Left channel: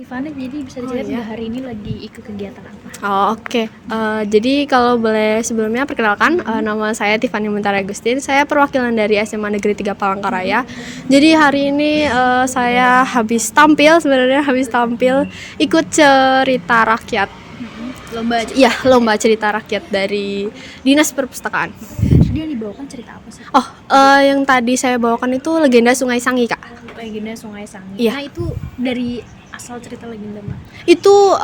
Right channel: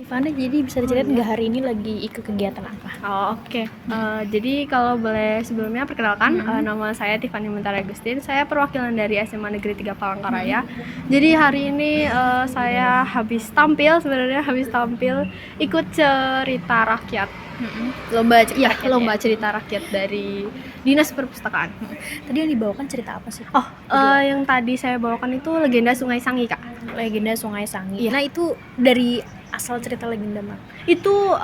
Rifana, jadi bisa diceritain nggak hari ini lagi ikut kegiatan apa? Oh, oke. Jadi kalau boleh sebelumnya perkenalkan, nama saya Tiffany Mentari Agustin. Saya perwakilan dari SMA Negeri 3 Palangkaraya. Jadi hari ini saya habis tampil ikut cerita rakyat. Lomba Iya, lomba cerita rakyat dari Dinas Perpustakaan. Tadi yang dibawakan cerita apa sih? Oh, yang tadi saya bawakan itu legenda Sungai Sangi, Kak. Legenda Sungai Sangi. Iya. Nah, itu dari asal cerita legenda mah. Itu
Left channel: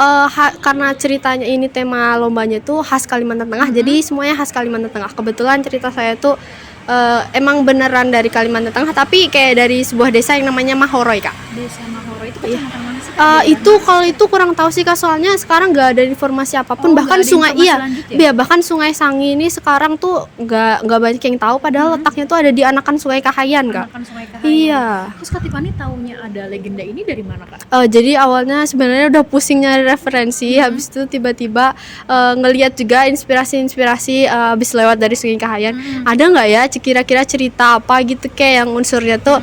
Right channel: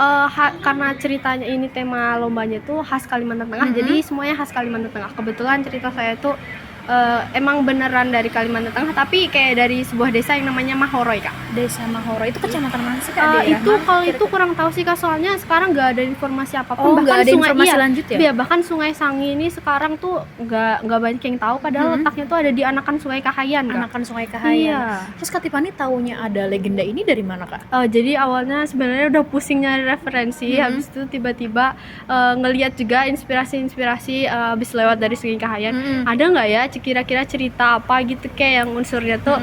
karena ceritanya ini tema lombanya itu khas Kalimantan Tengah, jadi semuanya khas Kalimantan Tengah. Kebetulan cerita saya tuh emang beneran dari Kalimantan Tengah, tapi kayak dari sebuah desa yang namanya Mahoroy, Kak. Desa Mahoro itu kecamatan mana sih, Kak? Itu kalau itu kurang tahu sih, Kak, soalnya sekarang nggak ada informasi apapun. Bahkan nggak ada sungai informasi lanjut ya? iya, bahkan Sungai Sangi ini sekarang tuh nggak banyak yang tahu, padahal letaknya tuh ada di anakan Sungai Kahayan, Kak. Anakan Sungai Kahayan. Iya. Terus Kak Tiffany taunya ada legenda ini dari mana, Kak? Jadi awalnya sebenarnya udah pusing nyari referensi, habis itu tiba-tiba ngelihat juga inspirasi habis lewat dari Sungai Kahayan. Ada nggak ya kira-kira cerita apa gitu kayak yang unsurnya tuh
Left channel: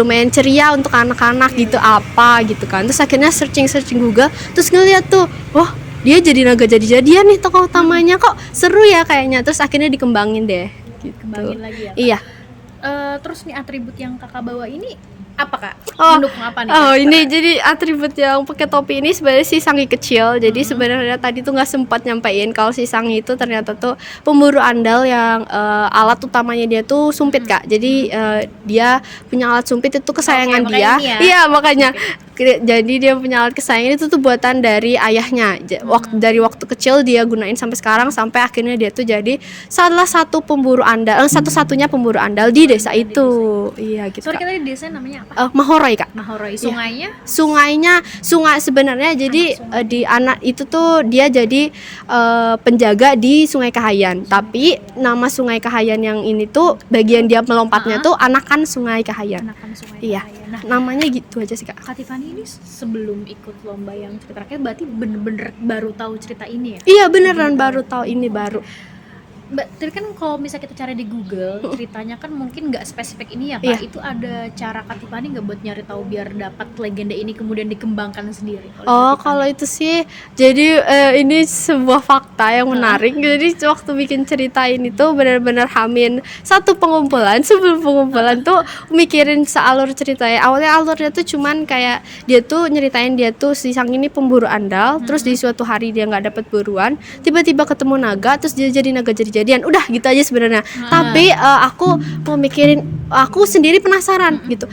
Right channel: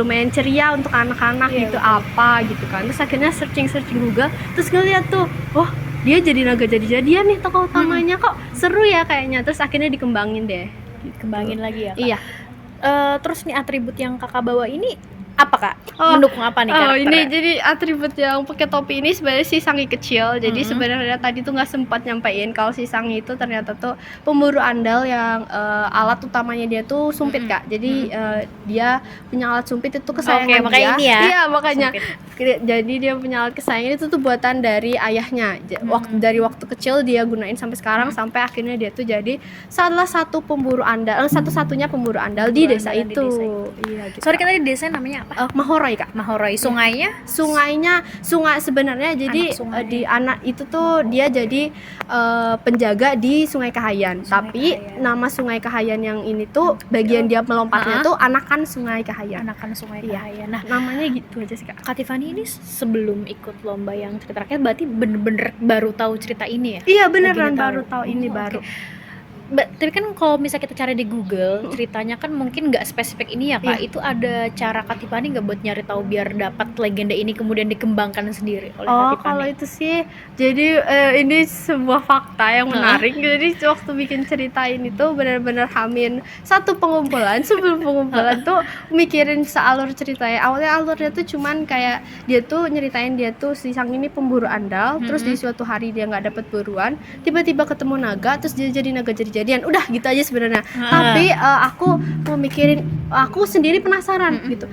lumayan ceria untuk anak-anak gitu, apa gitu kan. Terus akhirnya searching Google, terus ngeliat tuh, wah dia jadi naga jadi-jadian nih tokoh utamanya, kok seru ya kayaknya. Terus akhirnya dikembangin deh gitu. Kembangin lagi ya, Kak? Iya. Terus nih atribut yang Kakak bawa ini apa, Kak? Oh, Mendukung apa nih, Oh, karakternya? ini jadi atribut yang pakai topi ini sebenarnya si Sangi kecil. Jadi sebenarnya tadi tuh nggak sempat nyampein kalau si Sangi itu ternyata tuh pemburu andal yang alat utamanya dia tuh sumpit, Kak. Jadi dia punya alat sumpit itu kesayangan Oke, dia. makanya ini ya, Iya, makanya. Jadi dia punya alat kesayangan itu tuh buatan dari ayahnya. Dari waktu kecil dia gunain sampai sekarang, sampai akhirnya dia tuh jadi salah satu pemburu andal, satu-satunya pemburu andal di desa itu. Iya gitu. Sorry, kan tadi desa namanya apa? Mahoroy, Kak. Mahoroy. Sungainya? Sungai sebenarnya jadi sungai. di anak itu tuh dia jadi penjaga di Sungai Kahayan. Tapi nama Sungai Kahayan yang ini tuh bagian dia melompatnya tuh anakan Sungai Kahayan. Anakan Sungai Iya. Kahayan. Nah, Namanya gitu aja sih, Kak. Kak Tiffany ini sebelum ikut lomba yang cerita rakyat berarti bener-bener baru tahu cerita ini ya? Iya, beneran baru tahu ini baru. Tapi kan kalau misalnya kita cari di Google ceritanya kan mungkin nggak spesifik ini ya, Kak. Iya. Itu ada cara Kak Tiffany nggak buat nyari tahu biar dapat legenda ini kemudian dikembangkan sendiri oleh Kak Oh, Tiffany? kalau itu sih jadi ini sebuah fakta yang menarik. Jadi waktu bikin cerita ini tuh benar-benar hamin satu pengumpulan. Sebelum pengumpulan tuh mikirin sealur ceritanya. Awalnya alurnya tuh cuman kayak dia tuh nyeritain dia tuh si Sang ini pemburu andal, terus di suatu hari dia nggak dapet buruan, tiba-tiba ketemu naga, terus dia jadi naga jadi-jadian. Udah gitu aja sebenarnya. Tapi aku mau mikirin, aku sendiri penasaran gitu.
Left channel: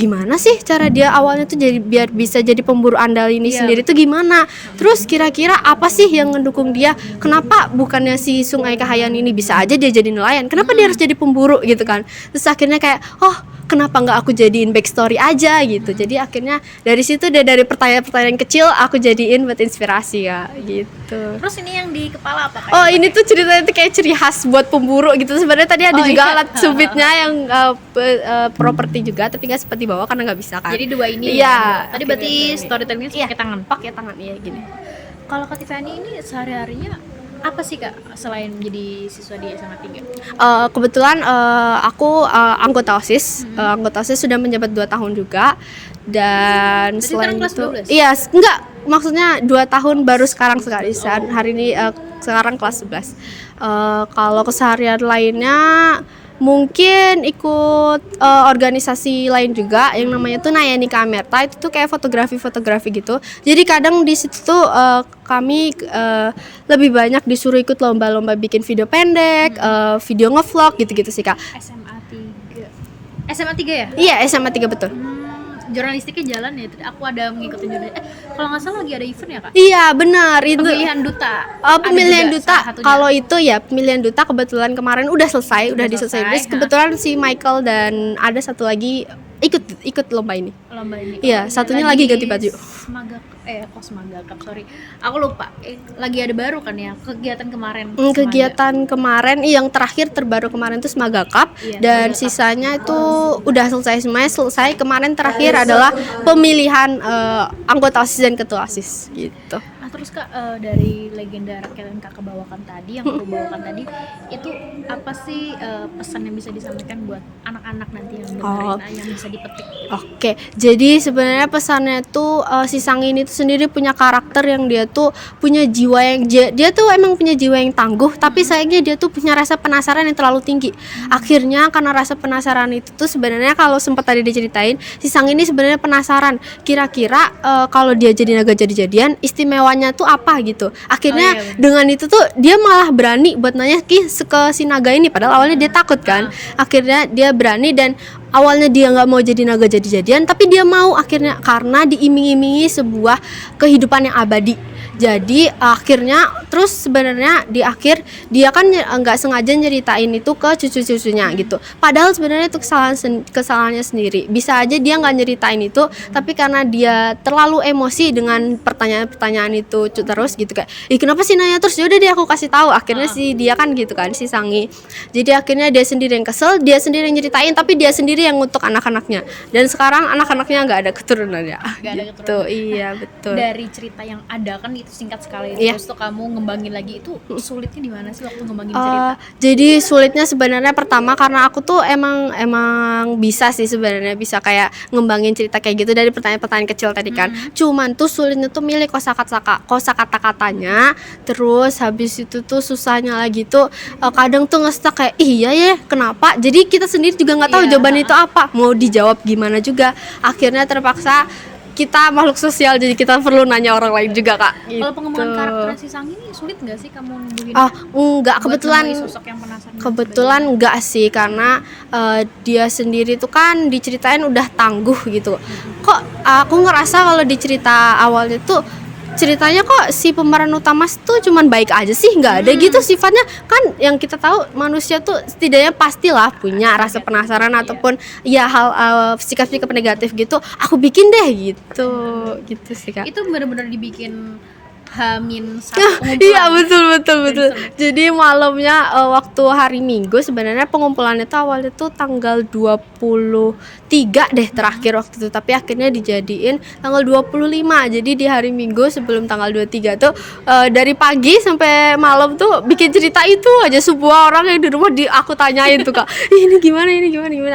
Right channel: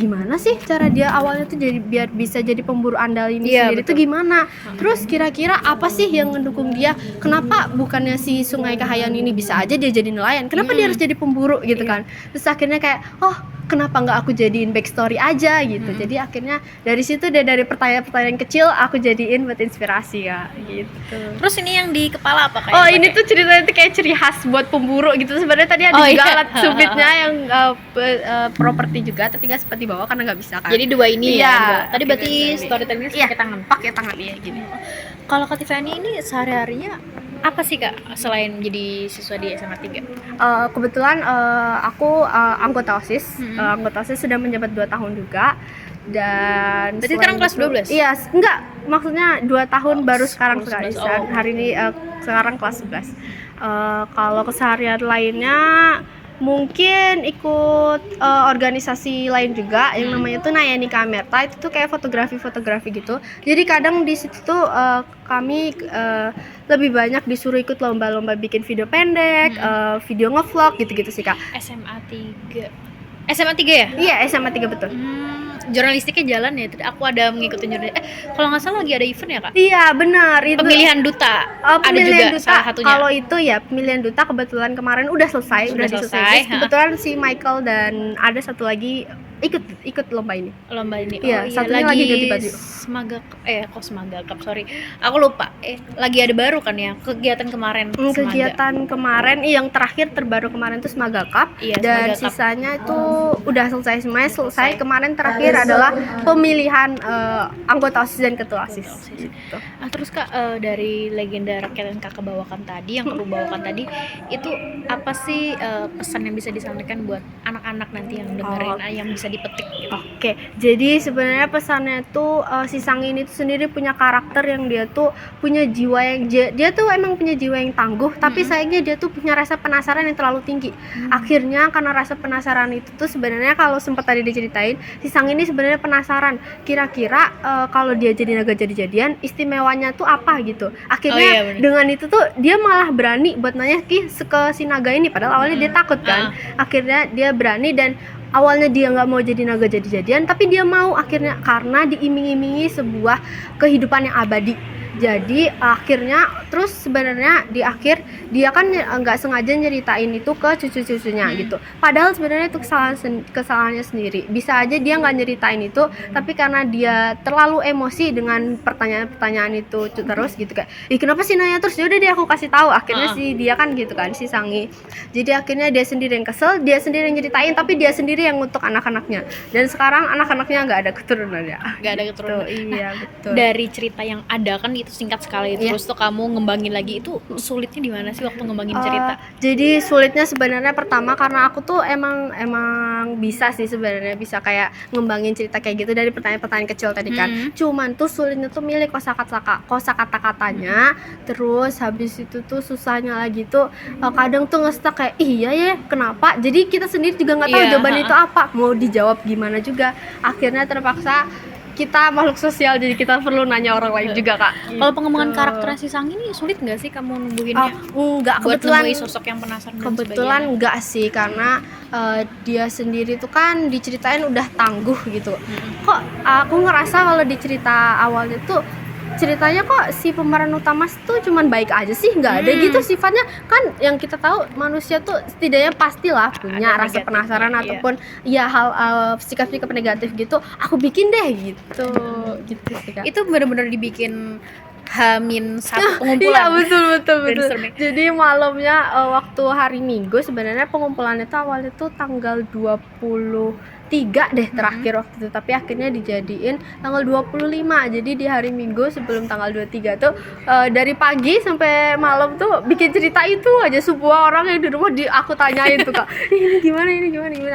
Gimana sih cara dia awalnya tuh jadi biar bisa jadi pemburu andal ini sendiri tuh gimana? Terus kira-kira apa sih yang ngedukung dia? Kenapa bukannya si Sungai Kahayan ini bisa aja dia jadi nelayan? Kenapa dia harus jadi pemburu gitu kan? Terus akhirnya kayak, kenapa nggak aku jadiin backstory aja gitu. Jadi akhirnya dari situ dari pertanyaan-pertanyaan kecil aku jadiin buat inspirasi ya gitu. Terus ini yang di kepala apa, Kak? Ini tuh ceritanya tuh kayak ciri khas buat pemburu gitu. Sebenarnya tadi ada juga alat sumpitnya yang properti juga, tapi nggak sempat dibawa karena nggak bisa kan. Jadi dua ini Iya. ya. Tadi berarti storytellingnya pakai tangan. Pakai tangan ya gini. Kalau Kak Tiffany ini sehari-harinya apa sih, Kak, selain jadi siswa di SMA 3? Kebetulan aku anggota OSIS. Anggota OSIS sudah menjabat 2 tahun juga. Dan berarti sekarang kelas 12? Iya, enggak. Maksudnya 2 tahun baru sekarang hari ini sekarang kelas 11. Kalau keseharian lainnya mungkin ikut organisasi lain juga yang namanya tuh Nayani Kamerta. Itu tuh kayak fotografi gitu. Jadi kadang di situ tuh kami lebih banyak disuruh ikut lomba-lomba bikin video pendek, video ngevlog gitu-gitu sih, Kak. SMA 3 ya? Iya, SMA 3 betul. Jurnalistiknya jalan ya. Aku ada mengikuti jurnalistik. Kalau nggak salah lagi ada event ya, Kak? Iya, benar. Itu Pemilihan duta. pemilihan Ada juga duta. salah satunya. Kalau itu ya pemilihan duta kebetulan kemarin udah selesai. Terus selesai, kebetulan si Michael dan ada satu lagi ikut lomba ini. Lomba ini. Iya, satunya lagi ganti baju. Semaga Cup, sorry. Aku lupa. Lagi ada baru kan ya kegiatan kemarin. Kegiatan kemarin yang terakhir terbaru kemarin tuh Semaga Cup, Iya, dan Semaga Cup. sisanya itu udah selesai. Kemarin terakhir adalah pemilihan anggota OSIS dan ketua OSIS gitu. Nah, terus Kak, dari legenda rakyat yang Kakak bawakan tadi, yang aku bawakan tadi, itu apa sih pesan yang bisa disampaikan buat anak-anak nanti yang dengerin, yang bisa dipetik gitu. Oke, jadi sebenarnya pesannya tuh si Sang ini tuh sendiri punya karakter yang dia tuh punya jiwa yang dia tuh emang punya jiwa yang tangguh, tapi sayangnya dia tuh punya rasa penasaran yang terlalu tinggi. Akhirnya karena rasa penasaran itu tuh sebenarnya kalau sempat tadi diceritain, si Sang ini sebenarnya penasaran kira-kira kalau dia jadi naga jadi-jadian istimewanya tuh apa gitu. Akhirnya dengan itu tuh dia malah berani buat nanya ke si naga ini, padahal awalnya dia takut kan. Akhirnya dia berani dan awalnya dia nggak mau jadi naga jadi-jadian, tapi dia mau akhirnya karena diiming-imingi sebuah kehidupan yang abadi. Jadi akhirnya terus sebenarnya di akhir dia kan nggak sengaja nyeritain itu ke cucu-cucunya gitu. Padahal sebenarnya itu kesalahannya sendiri. Bisa aja dia nggak nyeritain itu, tapi karena dia terlalu emosi dengan pertanyaan-pertanyaan itu terus gitu kayak, kenapa sih nanya terus? Yaudah deh aku kasih tahu. Akhirnya si dia kan gitu kan si Sangi. Jadi akhirnya dia sendiri yang kesel, dia sendiri yang nyeritain, tapi dia sendiri yang ngutuk anak-anaknya. Dan sekarang anak-anaknya nggak ada keturunannya. Nggak ada keturunan. Iya betul. Dari cerita yang ada kan itu singkat sekali, terus tuh kamu ngembangin lagi, itu sulitnya di mana sih waktu ngembangin cerita? Jadi sulitnya sebenarnya pertama karena aku tuh emang bisa sih sebenarnya bisa kayak ngembangin cerita kayak gitu dari pertanyaan-pertanyaan kecil tadi kan. Cuman tuh sulitnya tuh milih kosakata-katanya, terus habis itu tuh susahnya lagi tuh kadang tuh nge-stuck kayak iya ya kenapa? Jadi kita sendiri juga nggak tahu jawaban itu apa, mau dijawab gimana juga. Akhirnya terpaksa kita makhluk sosial, jadi kita perlu nanya orang lain juga kak. Kalau pengembangan karakter si Sang ini sulit nggak sih kamu numbuhinnya? Enggak, kebetulan sosok yang penasaran. Kebetulan enggak sih, karena dia sendiri tuh kan diceritain udah tangguh gitu. Kok aku ngerasa kalau di cerita awalnya tuh ceritanya kok si pemeran utama tuh cuman baik aja sih, nggak ada gitu sifatnya. Kan yang kita tahu manusia tuh setidaknya pastilah punya rasa penasaran ataupun ya hal sikap-sikap negatif gitu. Aku bikin deh gitu sih kak. Itu benar-benar dibikin H-1 pengumpulan. Iya betul. Jadi malamnya waktu hari Minggu sebenarnya pengumpulannya tuh awalnya tuh tanggal 23 deh terakhir waktu itu, tapi akhirnya dijadiin tanggal 25. Jadi di hari Minggu sebelum tanggal 23 tuh dari pagi sampai malam tuh bikin cerita itu aja. Sebuah orang yang di rumah aku tanyain tuh kak, ini gimana.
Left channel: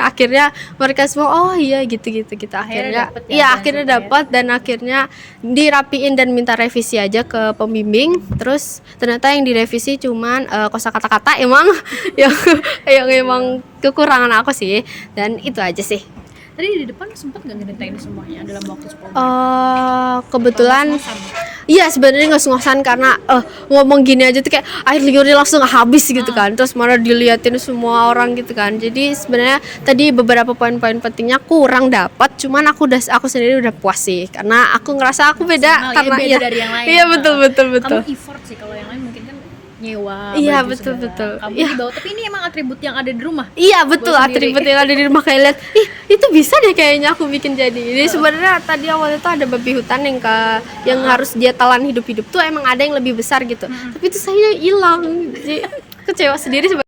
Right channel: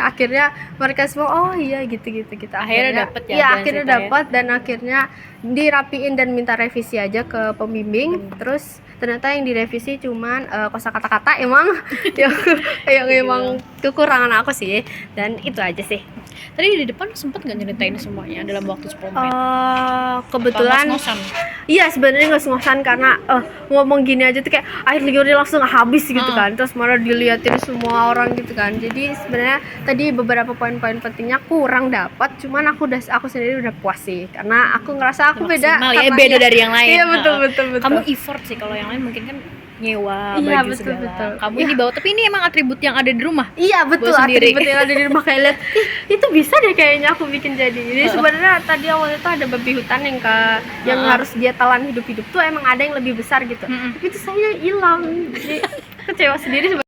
Akhirnya mereka semua oh iya gitu. Akhirnya akhirnya dapat dan akhirnya dirapiin dan minta revisi aja ke pembimbing. Terus ternyata yang direvisi cuman kosakata emang yang emang kekurangan aku sih, dan itu aja sih. Tadi di depan sempet nggak nyeritain semuanya dalam waktu 10 menit? Kebetulan iya sebenarnya nggak ngos-ngosan karena ngomong gini aja tuh kayak air liurnya langsung habis gitu kan, terus mana diliatin semua orang gitu kan. Jadi sebenarnya tadi beberapa poin-poin pentingnya kurang dapat, cuman aku sendiri udah puas sih karena aku ngerasa aku beda dari yang lain. Iya betul. Kamu effort sih, kalau yang lain mungkin kan nyewa iya, baju betul. Kamu yang dibawa, tapi ini emang atribut yang ada di rumah. Iya betul, atribut yang ada di rumah kayak lihat itu bisa deh kayaknya aku bikin jadi. Jadi sebenarnya tadi awalnya tuh ada babi hutan yang harus dia telan hidup tuh emang ada yang lebih besar gitu. Tapi itu saya hilang. Jadi kecewa sendiri.